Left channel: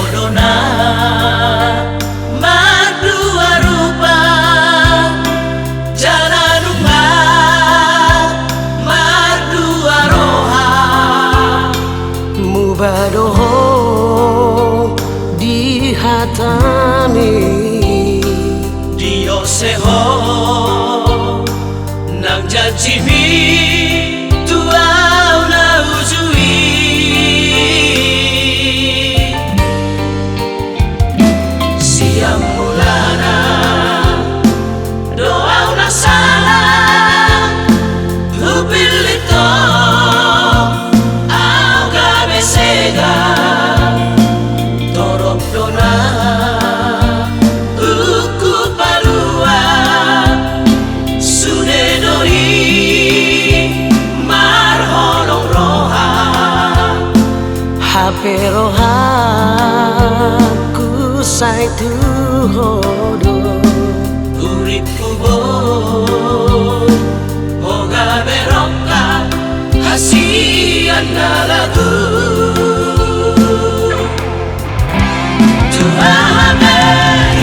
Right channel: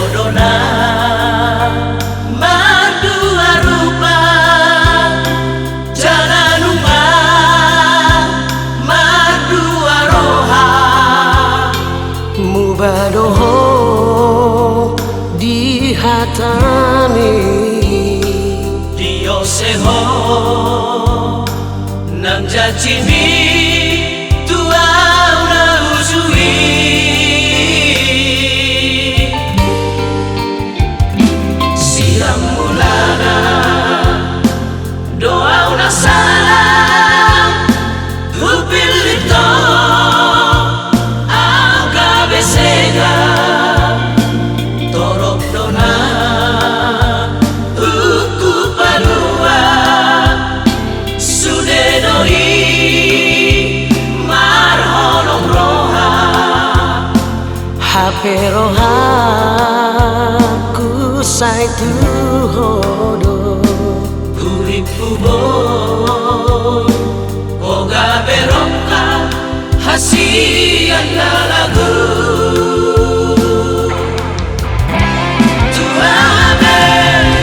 bodona mardua rupa jalan umat mardua roha mubadoho di hatami dio seho nam jajimi tuau na uzui siang mulana doa una salam upilito au cabecega torok dona uku palua sunenoi marholong roha hape roha ku sai tu hodo urip ubon oga berongka hasian na lagu tuame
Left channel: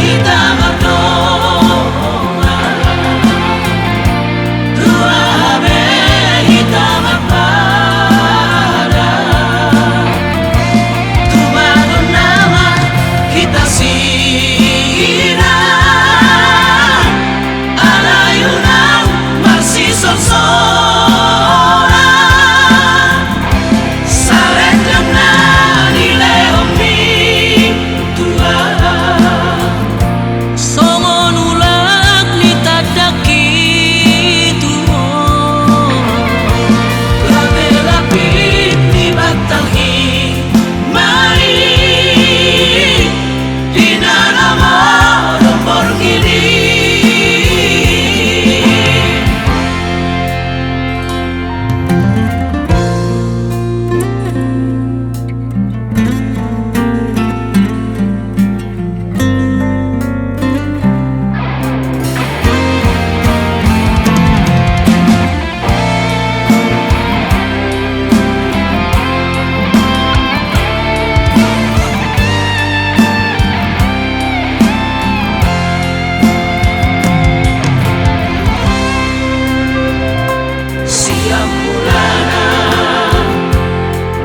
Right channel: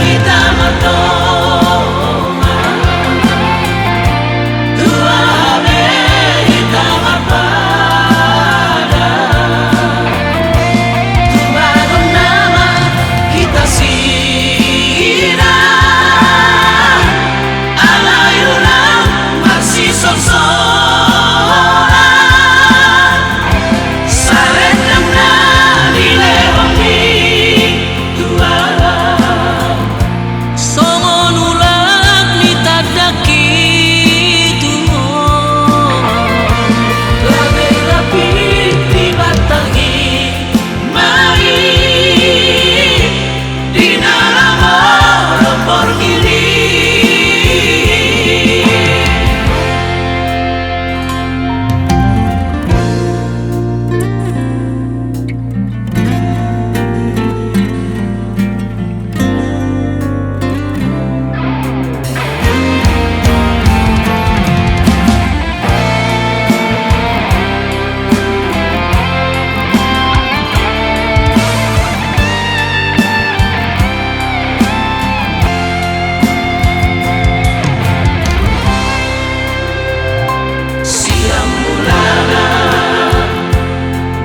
hitam artoma tuame hitam arpada tumagon nama kita sira alayunan masih sonsora saretang na nilehong ni tuala songon ulag ni tadaki tuho lapit-lapit di batangi mai di nalamo lombor gili siang mulana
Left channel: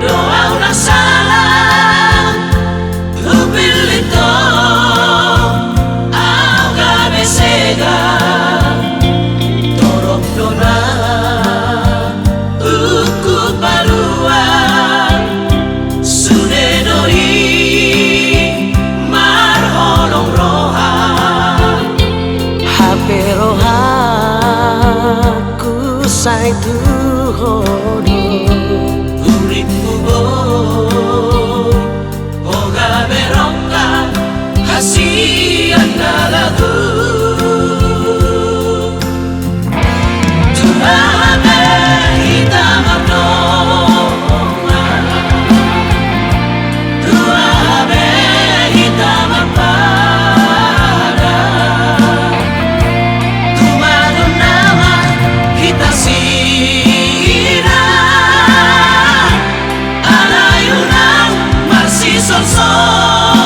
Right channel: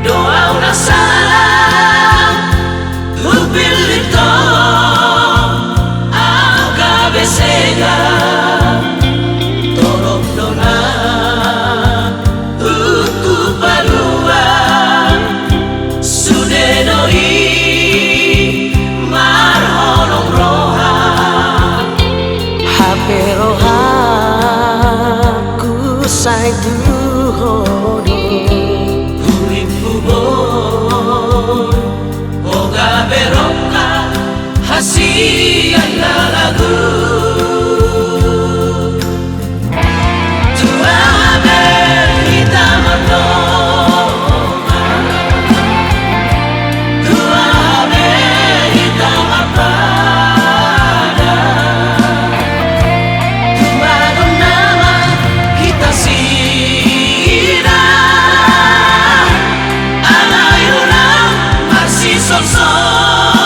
doa una salam upilito au cabecega torok dona uku palua sunenoi marholong roha hape roha ku sai tu hodo urip ubon oga berongka hasian na lagu tuame hitam artoma tuame hitam arpada tumagon nama kita sira alayunan masih sonsor